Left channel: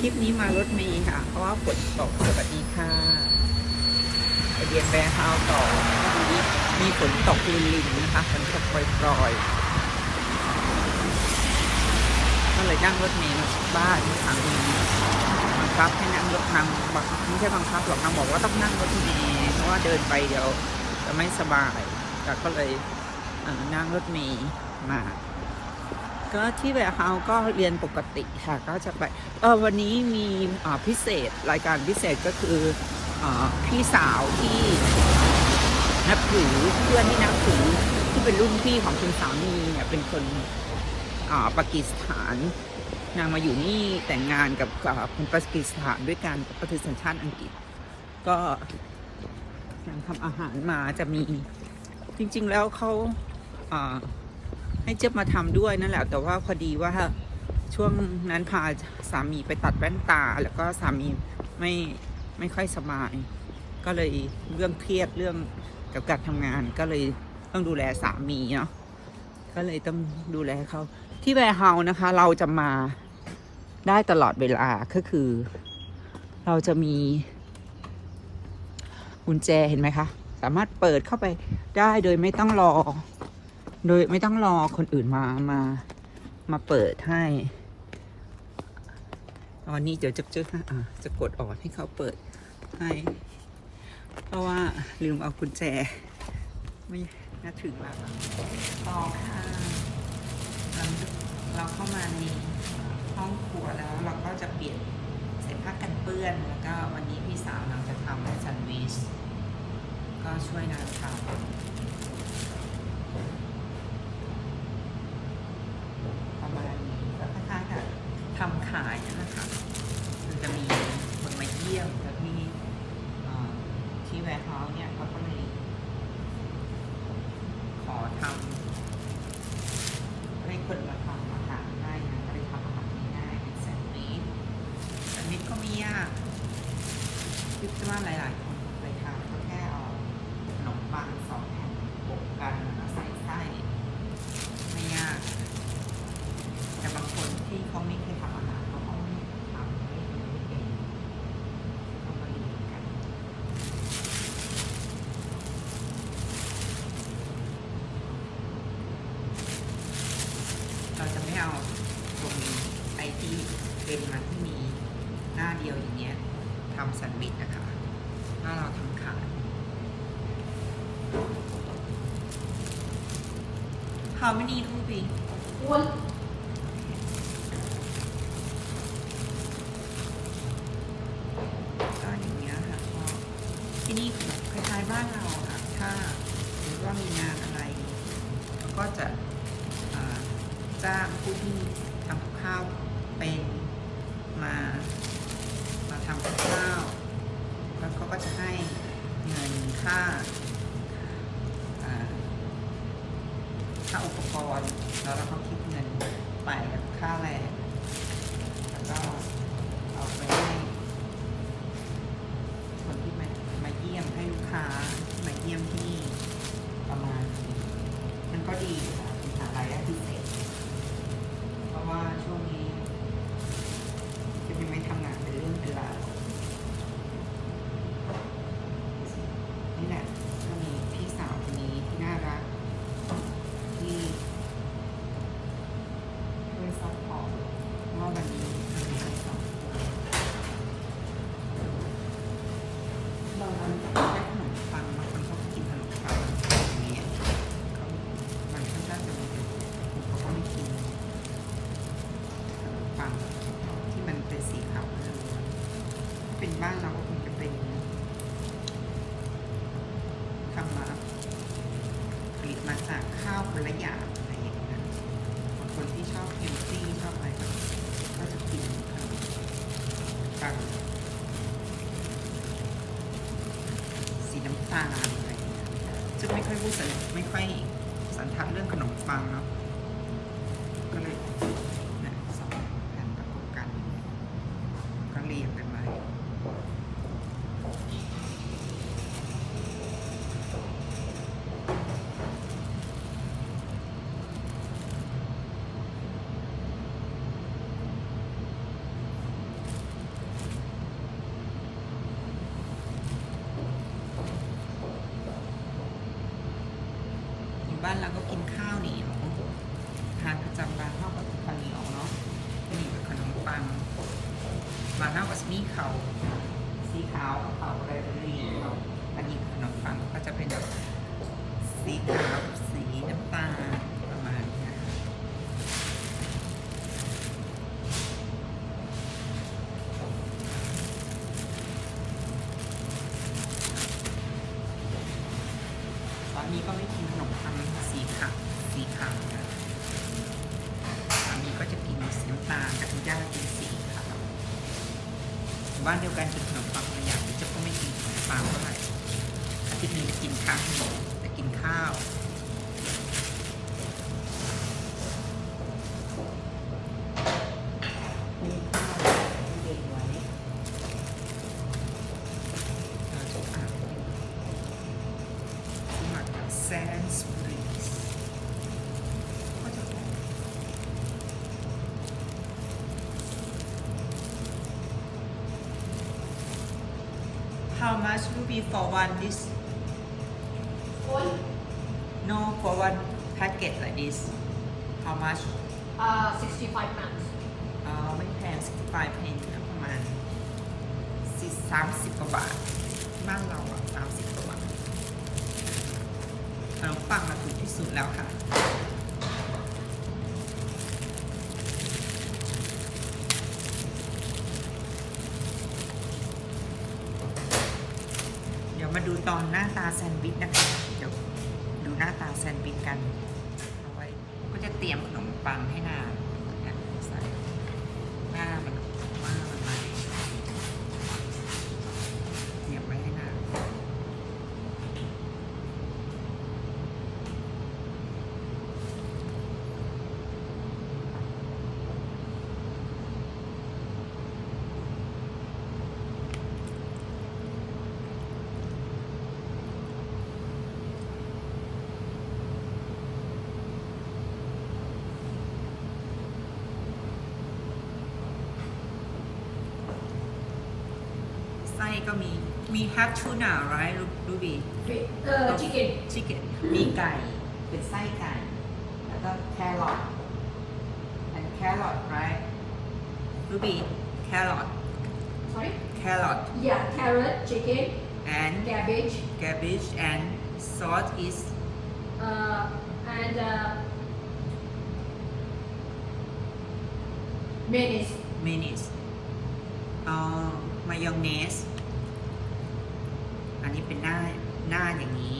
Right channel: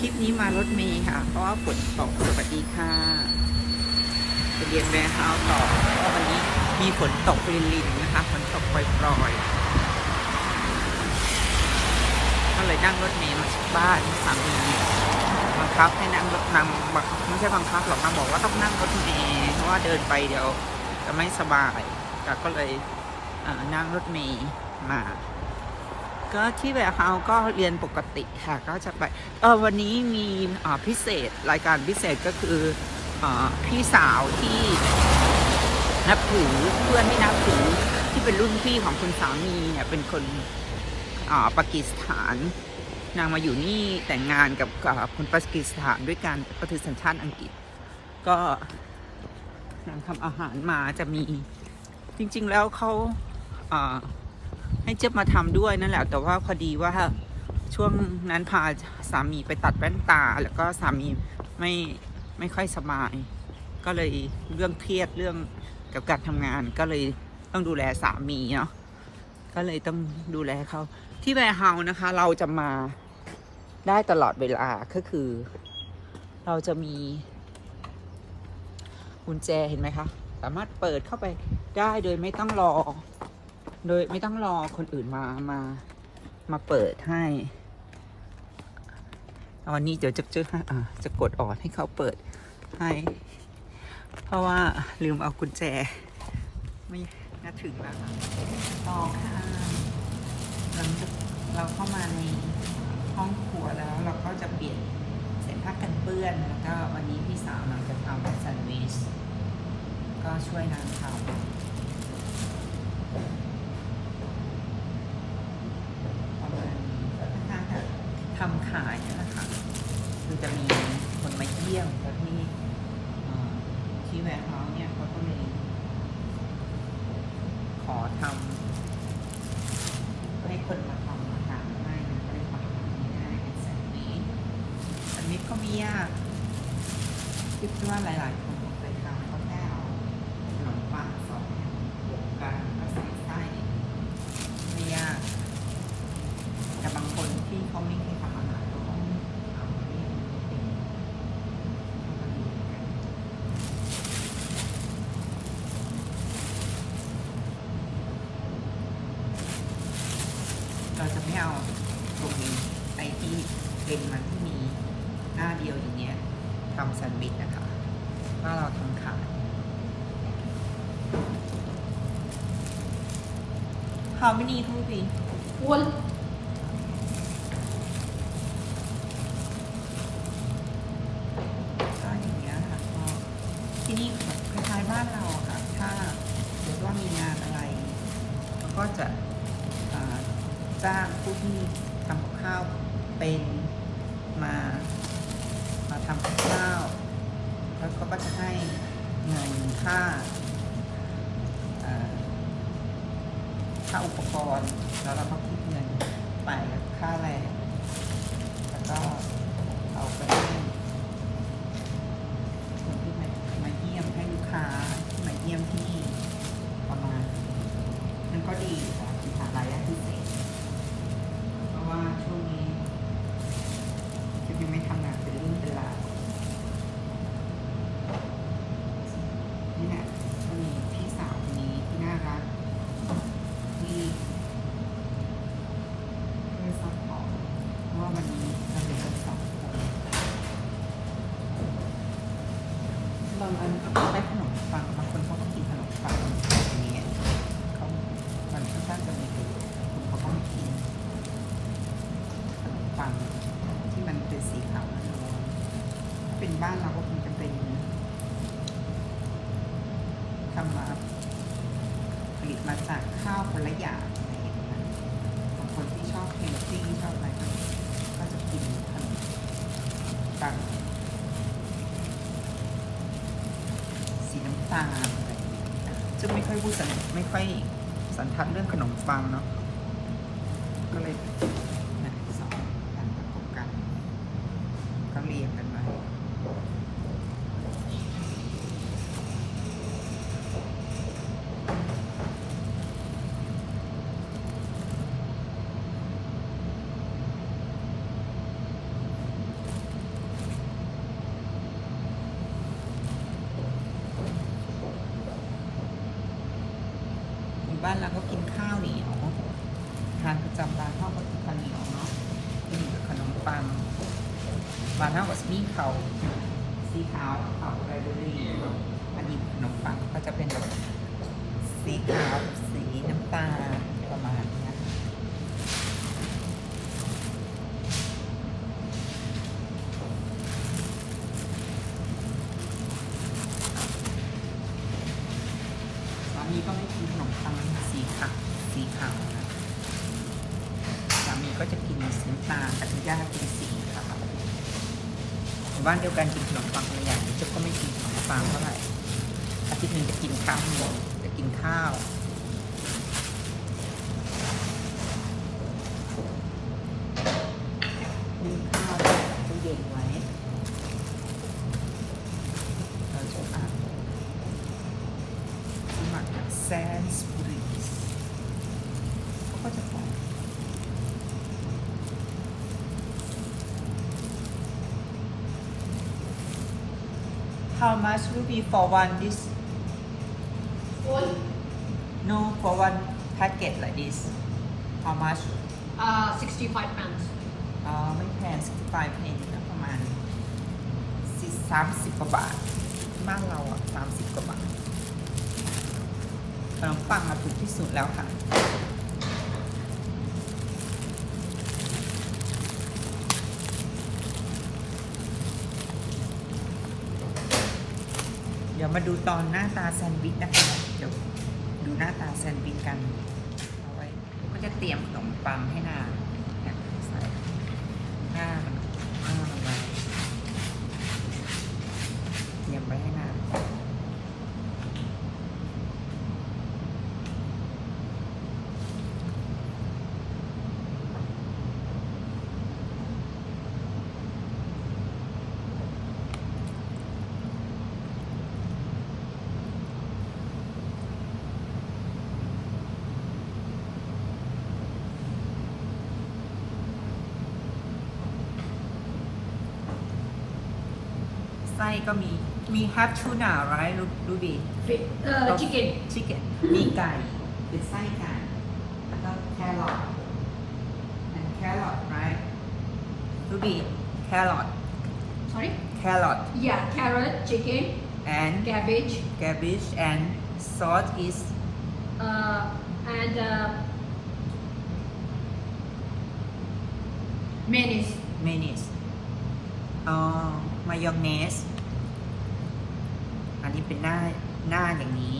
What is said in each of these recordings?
คลิปนี้มารถเมย์ค่ะ เพราะว่าฝนตกสวัสดีค่ะไปเรียนแวร์เฮาต่อเพราะวันนี้มีฝนตกลินๆนะคะฝนตกปล่อยๆก็เลยนั่งรถเมย์มาจากบ้านเมื่อสามีบังคับให้นั่งรถนางบังไม่ใช่บังคับหรอกนางบอกว่าต้องนั่งรถเมย์เพราะว่าเดินไปเดี๋ยวจะไม่สบายแต่ก็เลยนั่งรถเมย์มา ก็ที่แบบเฮาก็เรียนปกติค่ะ ก็จะไปเออวันนี้มีอ่าพิเศษรายการพิเศษก็คืออาพี่สาวที่นับถือเพื่อนที่นับถือที่เป็นรุ่นพี่ของคุณสามีเนี่ยเป็นคนอ่าปากีสถาน นางมาอยู่นี่แต่งงานกับคนปากีสถานด้วยกันแต่ก็ถือสัญชาติอังกฤษ ก็นางทำอาหารมาจะมีจริง ๆ แล้วเขาอ่า ให้เจ๊ยบมาทำด้วยนั่นแหละ แต่ว่าพอดีว่าช่วงนั้นพาสามีไปตัดแว่นตา แล้วก็สามีไม่ไม่ค่อยสบาย ก็เลยเรื่องเครียดเรื่องกับการทำงาน ก็เลยต้องดูแลสามีเนาะก็เลยต้องดูแลเขาที่แวร์เฮาส์นะคะ เราจะมาได้ตลอดเวลาก็คือ เราจะมีกุญแจเห็นไหมคะ สามารถเปิดเข้าไปได้โดยไม่ต้องรอ โดยไม่ต้องรอคนอื่นมามา มาเปิดให้ตอนนี้เดี๋ยวจะจะะจะกดออดให้เขาเปิดให้ เพราะว่าลืมเอากุญแจ ไม่น่าถึงแล้วต่อค่ะหลังจากเราเข้ามาในห้องครัวแล้วเราก็จะเปลี่ยนใส่ผ้ากันเปื้อน แล้วก็วันนี้พี่สาวนางจะทำแซนด์วิชก็ช่วยนางทำ ประมาณก็ค่อนข้างค่ะทำขายนั่นแหละค่ะ คือจะมีคนมาเยี่ยมแล้วที่เอ่อที่แวร์ เขาเนี่ยเขาก็เลยขอทำให้คนมาทำอาหารได้นะก็เลยทำอาหารง่ายๆแซนด์วิชแซนด์วิชก็ไม่ยากคิดว่าหลาย ๆ คนคงเคยทำก็แค่เอาขนมปังสองแผ่นโปะกันแล้วใส่ไส้ไม่ยาก แต่บางคนที่เขาไม่เคยทำอาหารเขาต้องทำไม่เป็นต้องมาดูกันเราจะไม่เอาตรงไอ้ที่เป็นมันที่มีหน้าเดียวอย่างเงี้ยทำแซนด์วิชนะคะว่าเราทำขาย How many ทุกปี One. ก็อย่างเงี้ยค่ะก็ที่นี่แบบคล้ายๆบ้านเราอะค่ะ ถ้าหรือว่ามีงานอะไรเขาก็จะอ่าจ้างผู้ที่ทำกับข้าวเป็นมา มาทำกับข้าวแล้วเขาก็จะให้เงินค่าอ่า ค่าอุปกรณ์ แล้วเราก็คิดเงินไปค่าแรงแล้วก็เอาไปให้คนที่มามาเยี่ยมให้ลูกค้าที่มาเยี่ยมที่นี่ประมาณมันก็ดีค่ะเป็นหารายได้พิเศษ เพราะว่าช่วงนี้คิดยังไม่ทำงานเป็นเรื่องเป็นราวนี่แหละก็มีพี่สาวคนนี้ที่น่ารัก ที่ช่วยซัพพอร์ตเพราะว่าวันนี้เราอยู่กันสองคน ได้ขนมปังบางคนเขาก็กินขนมปังอย่างเงี้ยเขามันค่อนข้างจะมีประโยชน์คุณเขาก็ไม่กินขนมปังที่มันเป็นสีขาวล้วนๆถ้า เป็นบ้านเราก็คงจะเป็นทำมาผลิตมาจากข้าวคนละอย่างอะไรอย่างเงี้ยบางคนที่ชอบเฮลตี้ชอบอะไรก็ก็จะกินขนมปังสีน้ำตาลอะไรเงี้ยจะไม่ค่อยพูดสันไม่ค่อยสันทัดเรื่องขนมปังเนาะก็เลยนะสองแผ่นประกบกัน ก็เรียงกัน บ้านเราก็กินข้าวเหนียวทานประจำบานเท่ากับข้าวเหนียวเนาะนี่กับขนมปังบานเท่ากับนี่เขาสีขาวเขาไรเบอรี่อันนี้ขนมปังก็จะเป็นแบบสีขาวกับสีน้ำตาลประมาณเนี้ยค่ะสามีก็ไม่กินขนมปังสีขาวสีขาวนะสามีก็จะกินสีน้ำตาลกับที่ย่าเป็นสีขาว บ้านเดียวกันกินขนมปังใหญ่จะก็ไม่กินขนมปังเท่าไหร่อาทิตย์หนึงจะกินข้าวหนึ่งจะกินข้าว มีข้าวให้เด็กไหมเราจะอ่านสมัครกับแซนส์บริสก็จะบอก How much will be for one this? No, for one packet like this. How much? Uh, 65 pounds. อ่าไม่แพงสิบปลายเพงนะประมาณสี่สามสิบกว่าบาท บ้านเราอะสามสิบกว่าบาทขนมปังอะถูกที่สุดแล้วค่ะ ยวมาดูตอนหน้าตาแซนด์วิชนะคะ เดี๋ยวดูหน้าตาแซนด์วิชกัน เอาไว้ก็จะเตรียมขนมปังให้นางเนี่ยใส่ หน้ามันหน้ามันมาเตรียมไว้ให้นานไส้ ก็มีมีแฮปทูน่าไรดูดูดิ Fi- Uh, chicken. ชิคเก้นมีไก่เป็นไส้ไก่แล้วก็แครอท and carrot right รูบีแครอท Sorry? แครอท Yeah, carrot, chicken, and cabbage, cabbage and salt is uh, and uh, mayonnaise. mayonnaise อ๋อมาย อันนี้เป็นหน้าหน้าอย่างนี้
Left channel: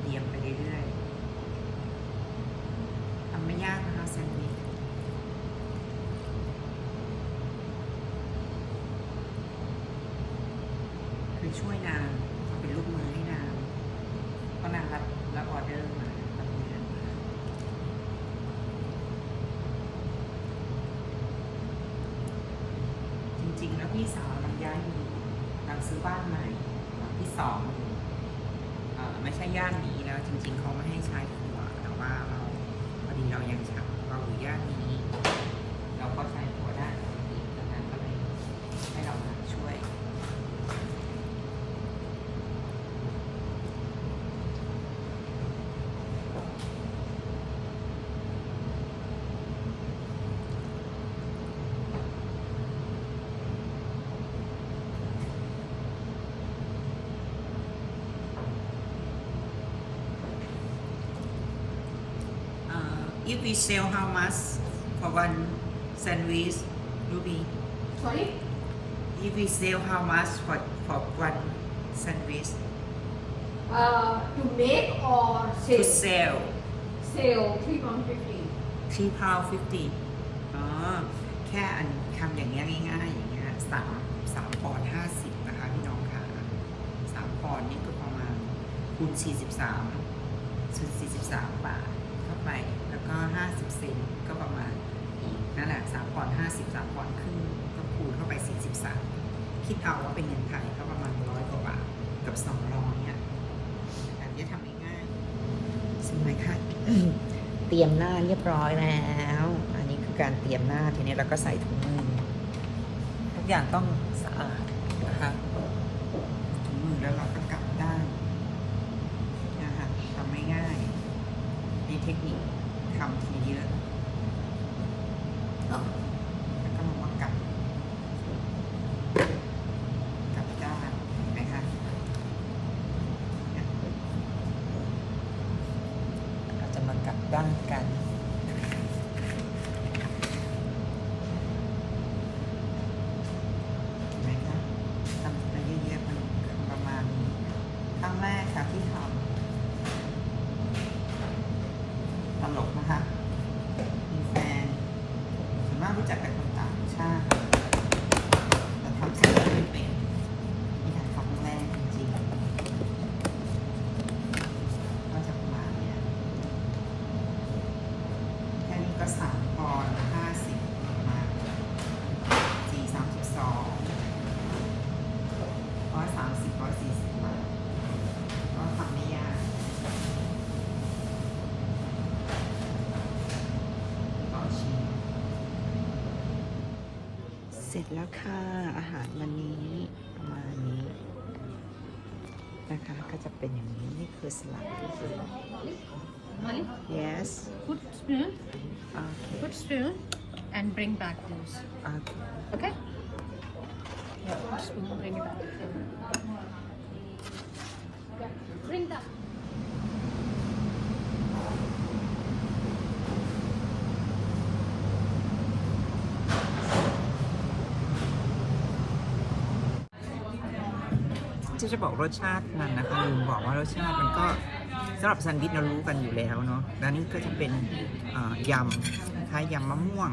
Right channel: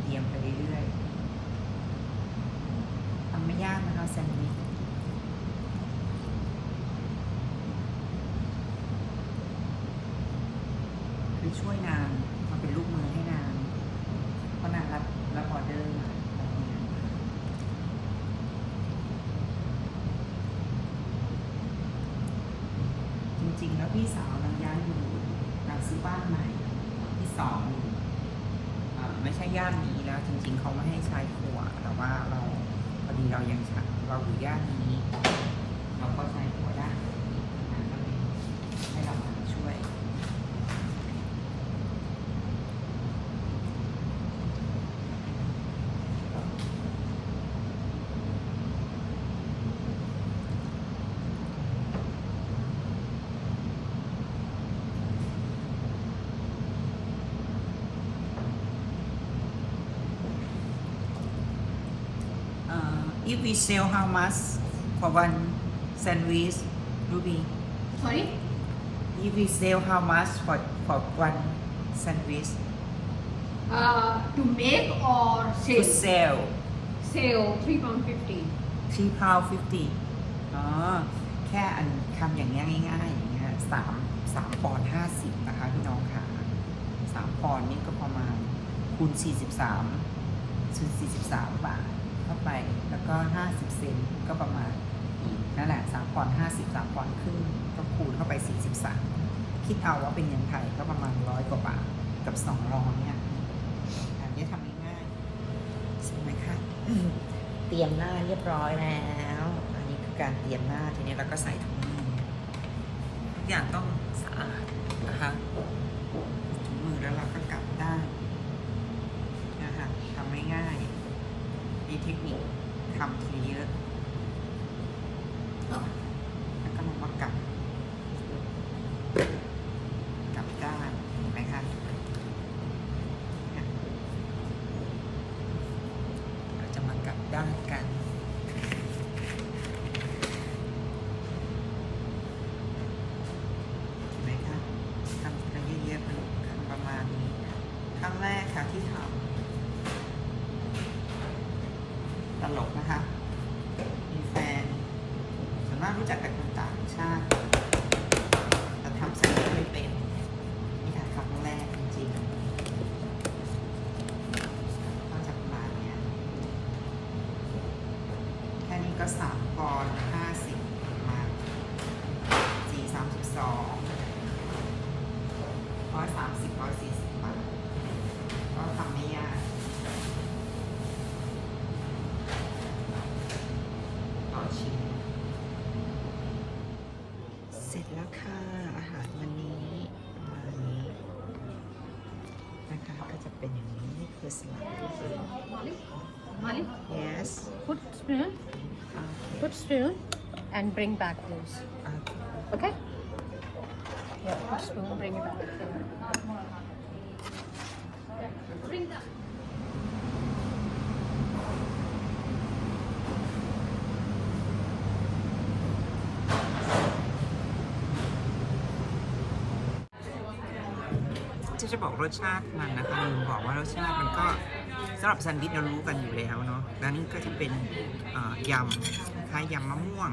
เตรียมไปเรื่อยๆทำไม่ยากนะคะแซนด์วิคือช่วยนางมาเป็นลูกมือให้นาง เพราะนางรับรับออเดอร์มารับงานมาจริงๆ แล้วพี่สาวนางย้ายอยู่นางซื้อบ้านใหม่หลังที่สองอยู่อ่าไม่ใช่ย่านนี้แล้ว จริง ๆ เขาไม่ให้ใช้ครัวแต่ว่าเราพอดีเรายังใช้เราอยู่ย่านนี้ เราก็ใช้ครัวได้ปกติแล้วนางก็เลยให้เรามาช่วย Uh, if we sell how much for one sandwich, Ruby? Sorry? If we sell how much for for one sandwich Uh, to make or to sale? sell? Sale, three pound fifty. three pound fifty อ๋อแค่อันทำอย่างเงี้ยง่ายๆอย่างเงี้ยสามสามปอนด์ห้าสิบนะคะพี่น้องค่ะสามปอนด์นี่ก็ประมาณคูณสี่สิบสามสี่สิบสามบาท เข้าไป แล้วก็ห้าสิบเซนก็ประมาณนั่นแหละสามปอนด์ห้าสิบสามปอนด์ครึ่งก็คูณเข้าไปสี่สิบสามคิดเอาว่าเป็นเงินไทยก็ประมาณร้อยกว่าบาทกับสองร้อยเนี่ยอันนี้ทำง่ายๆสวยค่ะเตรียมหน้าเรียบร้อยแล้วอันนี้คือการเตรียมหน้าทีนี้เราก็ใส่ถุงมือทุกอย่างต้องสะอาดนะคะถุงมือแล้วเราก็กลับด้านนะคะทำไม่ง่าย มีเทคนิคทำทีเยอะแล้วก็มามากลับกลับด้านนะคะเนี่ยเราจะมากลับด้านกัน เห็นไหมคะทำไปเยอะๆมันทำประมาณนี้ครั้งแรกค่ะที่ทำตลกนะคะ มีแฟนส่วนมาก รู้จักแต่คนต่างชาติทำใส่ไม่เป็นนี่ค่ะครั้งแรกจริงๆก็จะประมาณเนี้ยแค่นี้ก็สามปอนด์ห้าสิบประมาณ สี่สามสิบสองร้อยสามสิบร้อยสี่สิบบาทก็ทำไม่ยากต่อชิ้น เสร็จแล้วค่ะ อาหารวันนี้ประมาณนี้นะคะก็จะเป็นอย่างนี้นี่คือสลัดทุกคน Money? yes Put spoon. okay Put spoon and bring back please. okay Okay? Yeah, put spoon, bring it back. Yeah, bring that. จะบอกรสชาติมันนะคะลืมบอกว่ารสชาติมันก็สำหรับแซนด์วิชเรารู้กันอยู่แล้วเนาะแล้วนี่ก็จะเป็นยำคล้ายยำมะม่วง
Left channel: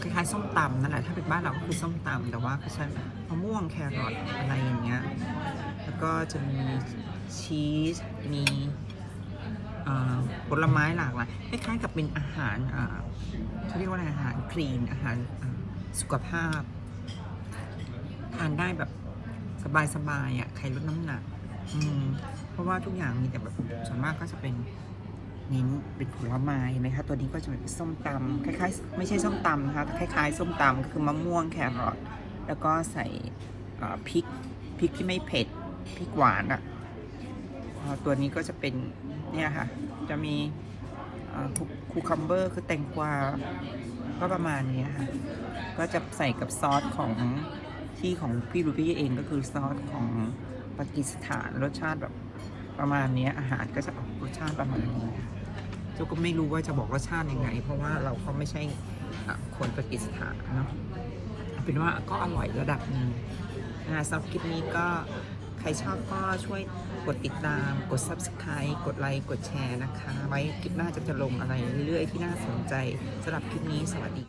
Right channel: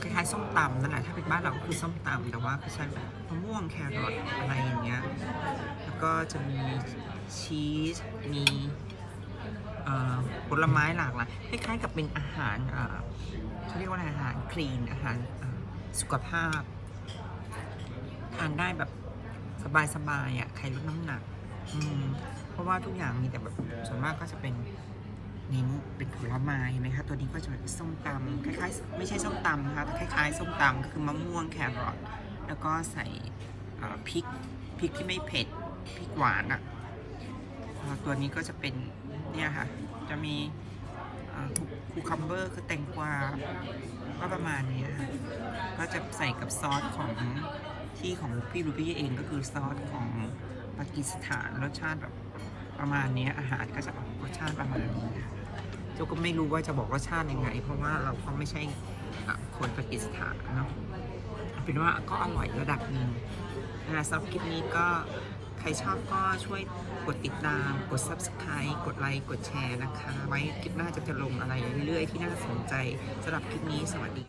คล้ายๆส้มตำนั่นแหละถ้าเป็นบ้านเราก็คือส้มตำแต่ว่าก็ใช้มะม่วงแครอทอะไรอย่างเงี้ยแล้วก็จะมีชีสมีผลไม้หลากหลายคล้ายๆกับเป็นอาหารเขาเรียกว่าอะไรอาหารคลีนอาหารสุขภาพ ทานได้แบบ สบายๆอะใครลดน้ำหนัก อืม เพราะว่าทุกอย่างมีแต่แบบส่วนมากก็จะเป็นเน้นเป็นผลไม้เห็นไหมคะ ตัวนี้ก็จะเป็นส้มตำคล้ายๆ ไม่ใช่ส้มตำนะคะคล้ายๆ ส้มตำก็คือมะม่วงแครอทแล้วก็ใส่พริกพริกที่ไม่เผ็ดพริกหวานอะตัวนี้ก็จะเป็นเนี่ยค่ะ จะมีคูคัมเบอร์คือแตงกวาก็ประมาณนี้ค่ะก็จะใส่กับซอสของ ที่ของพี่รูปี้เองก็คือซอสของปากีสถานรสชาติแบบประมาณนี้อาหารก็จะออกรสชาติประมาณนี้ค่ะเราก็ไม่รู้ว่าจะบอกรสชาติยังไง เพราะว่าเราก็ไม่ใช่คนปากีสถานเนาะเอาเป็นว่าก็อร่อยระดับหนึ่งนะสำหรับคลิปนี้ก็ใครชอบก็ช่วยกดติดตาม กด subscribe กดไลค์กดแชร์นะคะ ไว้คลิปหน้าจะจะลงอะไรเรื่อยๆที่น่าสนใจสำหรับคลิปนี้สวัสดี